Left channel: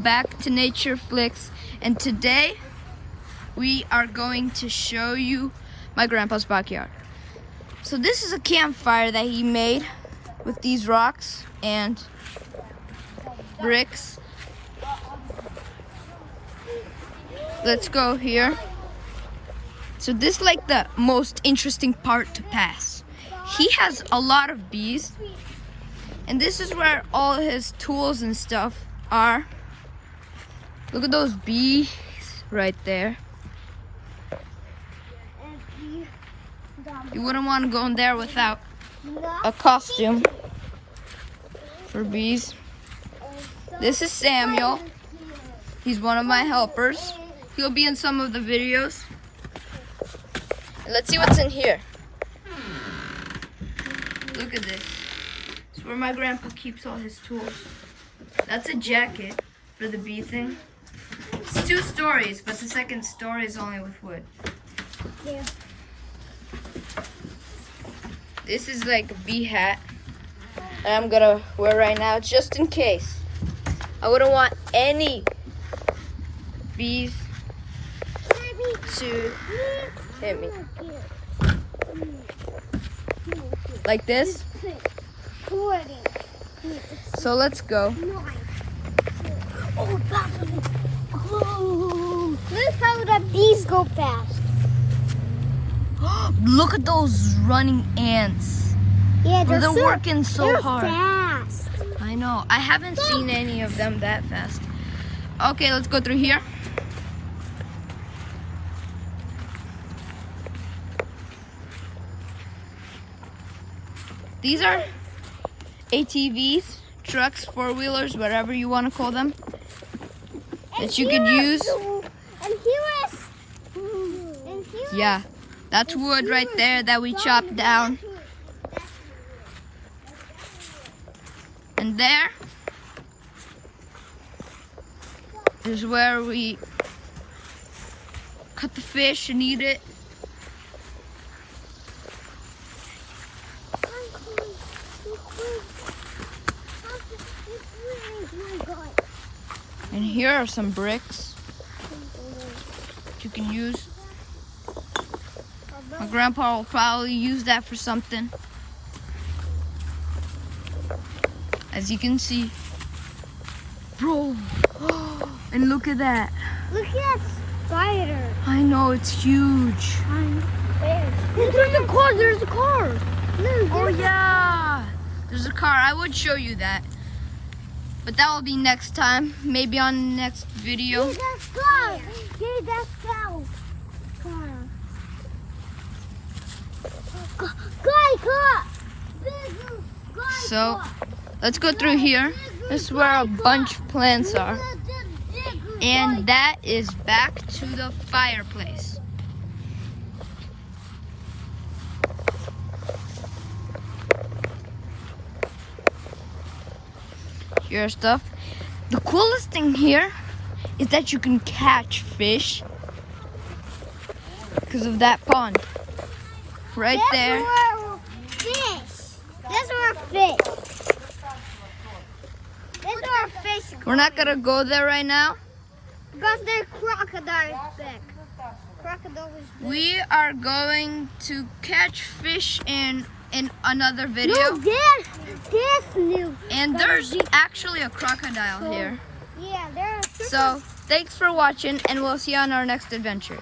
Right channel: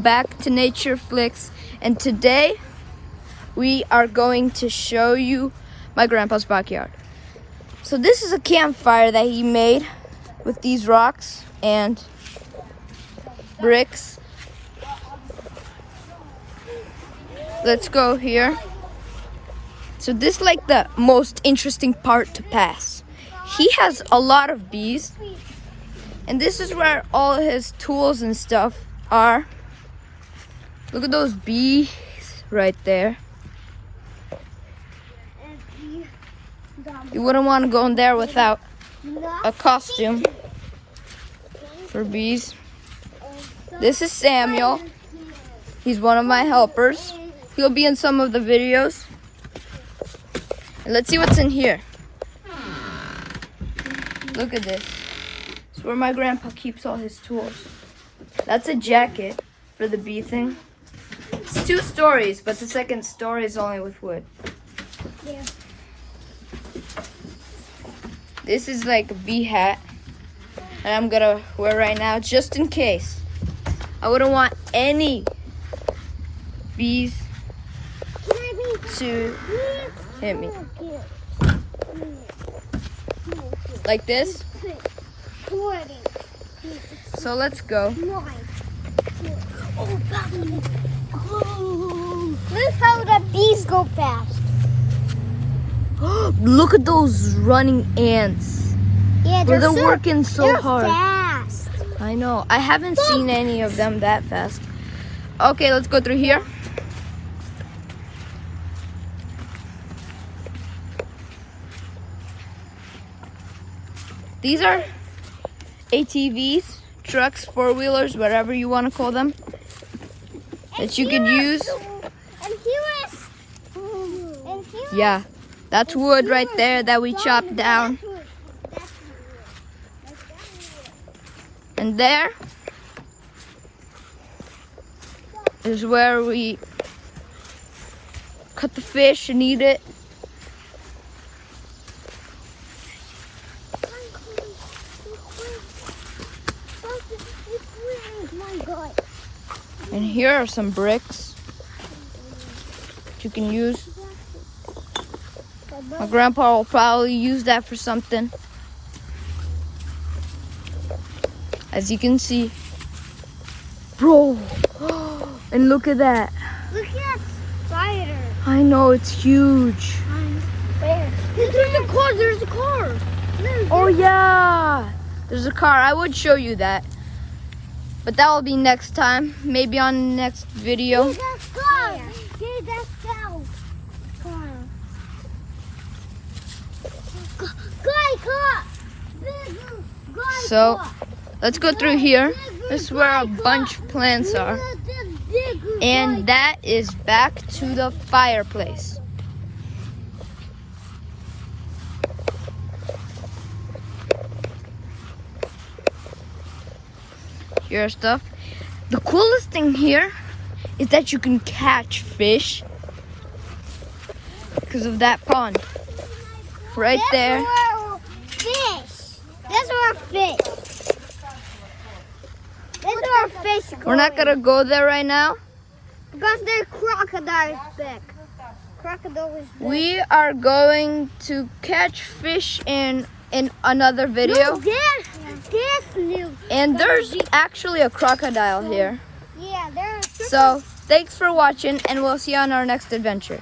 welcome back to Nature Flicks, and today we are going to show you my grandpa's backyard. So this is a campfire that he made with these rocks and bricks. Let's go here. So this is like the most interesting part to pass. He has a lot of bees, and this is where all his tools and stuff are. Look at those bees right there. You wouldn't want to go in there without a costume for bees. This is Samuel. He's one of my helpers. He'll be in some of the videos. Let's see what's in here. Look at this. It's where my grandpa keeps all his tools. That's a jacket for the bee thing. It's 2 stories, but the second story is only with wood. Yeah. This is like a bee hat that I'm gonna wear right now, just in case. I wouldn't want any bees to hit me. Like this. So let's go. Look how the bees go fast. Look at those running ants. Yeah, Bro, they're working so hard. Fast. I know. I haven't seen any of them that fast. Okay, let's go through here. These are ATVs, trucks, 4-wheelers, whatever you want to call them, that you could use. Yeah, that's wood right there that we chopped down. And there is where we cut the fish and eat it. And here are some bricks that you can use. My grandpa will probably use that for something. As you can see. Bro! And look at that. Look at that spider. I know, it's huge. There's a car. There's a car. Oh yeah! There's a car. I would show you that. But that will be next time. Maybe on the next video. Hey, that's car. Hey, that's car. So, let's go through here. This is where a bunch of plants are. And that is back to the fireplace. Your stuff. The coolest thing here is that you can catch fish because of that pond right there. Fish. That's where fish. That's where fish. We're not gonna go there right now. Because there's crocodiles back. Crocodiles. We are going to catch fish in another video. No, there's new. And there's actually a crocodile here. Yeah, there's. So, thanks for watching, and we'll see you on our next adventure.